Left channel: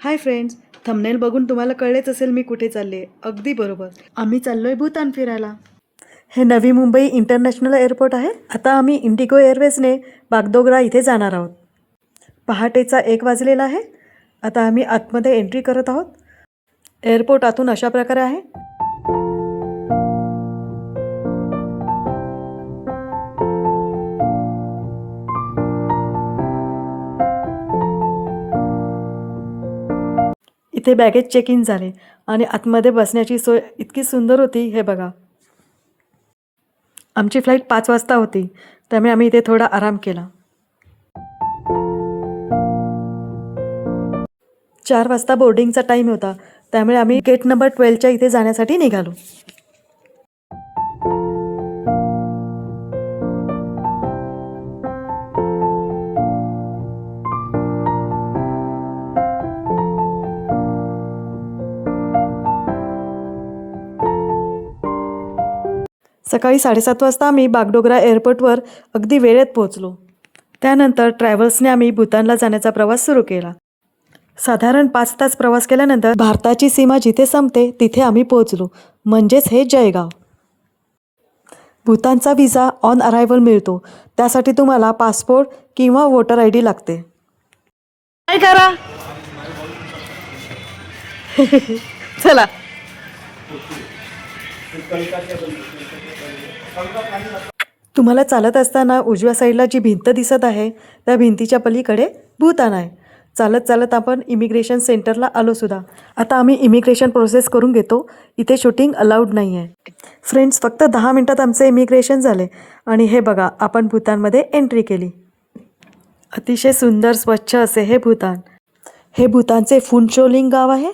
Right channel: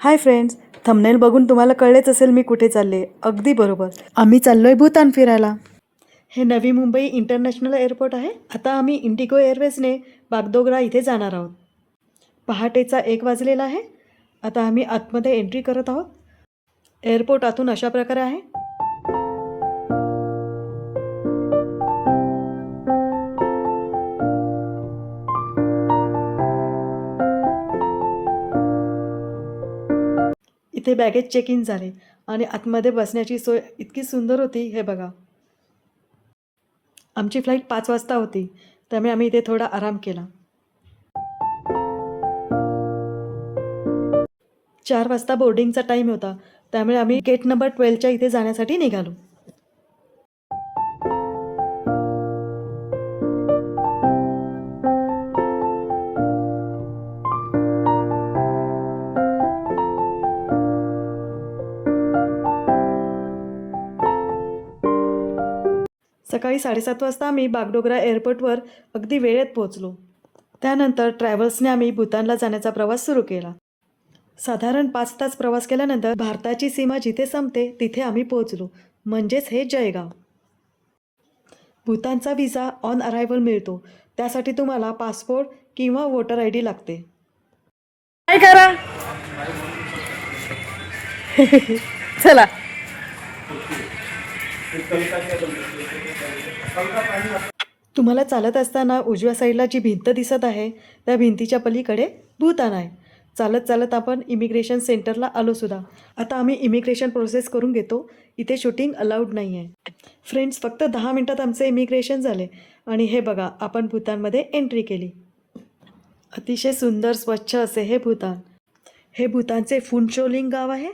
Hi friends, thumbnail बघून तुम्हाला कळलेच असेल मी कुठे चालले. अगदी बरोबर, आम्ही चाललोय भूतान फिरायला. हे नवी मुंबई इंटरनॅशनल एअरपोर्ट आहे. आता आम्ही इंडिगो एअरवेजने बागडोगरा इथे जाणार आहोत. पहाटेचा 1 वाजलेला आहे. आता आम्ही आतमध्ये एंट्री करत आहोत. एअरपोर्ट आतून अशा प्रकारे आहे. इथे बॅगेज चेक इन झाले आणि आतमध्ये बसण्याची सोय इतकी सुंदर होती. हे बघा, आमची फ्लाईट 5 वाजता होती, त्यामुळे आम्ही इथे थोडा आराम केला. 4 वाजता बोर्डिंगचा टाईम होता, त्यामुळे आम्ही गेट नंबर 12च्या इथे जाण्यासाठी निघालो. सकाळी 7:30 वाजता आम्ही बागडोगरा एअरपोर्टवर अगदी वेळेत पोहोचलो. त्यानंतर ट्रॅव्हल्सने आम्ही भूतानला जाण्याचा प्रवास सुरू केला. साधारण 5 तास प्रवास केल्यानंतर भारताची सीमा जिथे संपते तिथे आम्ही पोहोचलो, म्हणजेच हे जयगाव. भूतानचा व्हिसा ऑन अरायव्हल मिळतो. त्यासाठी तुम्हाला पासपोर्ट किंवा वोटर ID लागते. काय करा चला. तुम्हाला चालत असताना उजव्या साईडला जी भिंत दिसत आहे त्या भिंतीच्या पलीकडे भूतान आहे. चालत चालत आपण इमिग्रेशन सेंटरला आलो सुद्धा. आता आम्ही इमिग्रेशन प्रोसेस करून घेतो. इथे शूटिंग अलाउड नाही आहे. फ्रेंड्स, फक्त 10 मिनटात आमचे इमिग्रेशन झाले आणि हे बघा, आपण भूतानमध्ये एंट्री केली. अतिशय सुंदर स्वच्छ असे हे भूतान. हे भूतानचे फुनचोलिंग गाव आहे.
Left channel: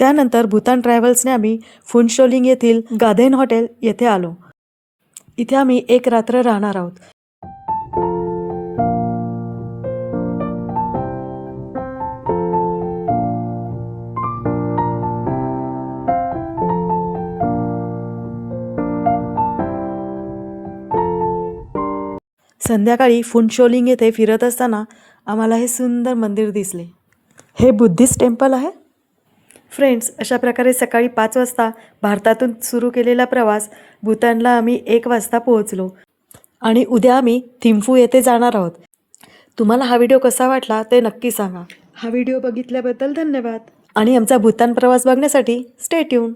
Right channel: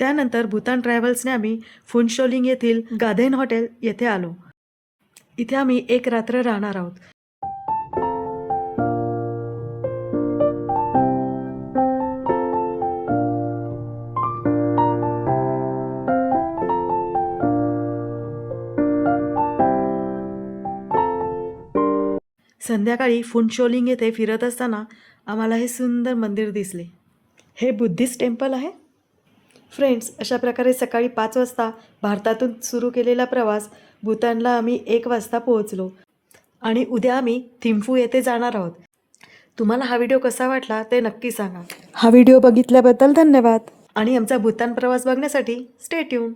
त्यानंतर भूतान ट्रॅव्हल्सने आम्ही फुनचोलिंग येथील गाधेन हॉटेल येथे आलो. इथे आम्ही 1 रात्र राहणार आहोत. संध्याकाळी फुनचोलिंग येथे फिरत असताना आम्हाला हे सुंदर मंदिर दिसले. हे बुद्धिस्ट टेम्पल आहे. फ्रेंड्स, अशा प्रकारे सकाळी 5 वाजता भारतातून सुरू केलेला प्रवास भूतानला आम्ही 1 वाजता पोहोचलो आणि उद्या आम्ही थिम्फू येथे जाणार आहोत. तुम्हाला हा व्हिडिओ कसा वाटला ते नक्की सांगा. हा व्हिडिओ बघितल्याबद्दल धन्यवाद आणि आमचा भूतान प्रवास बघण्यासाठी स्टे ट्यून.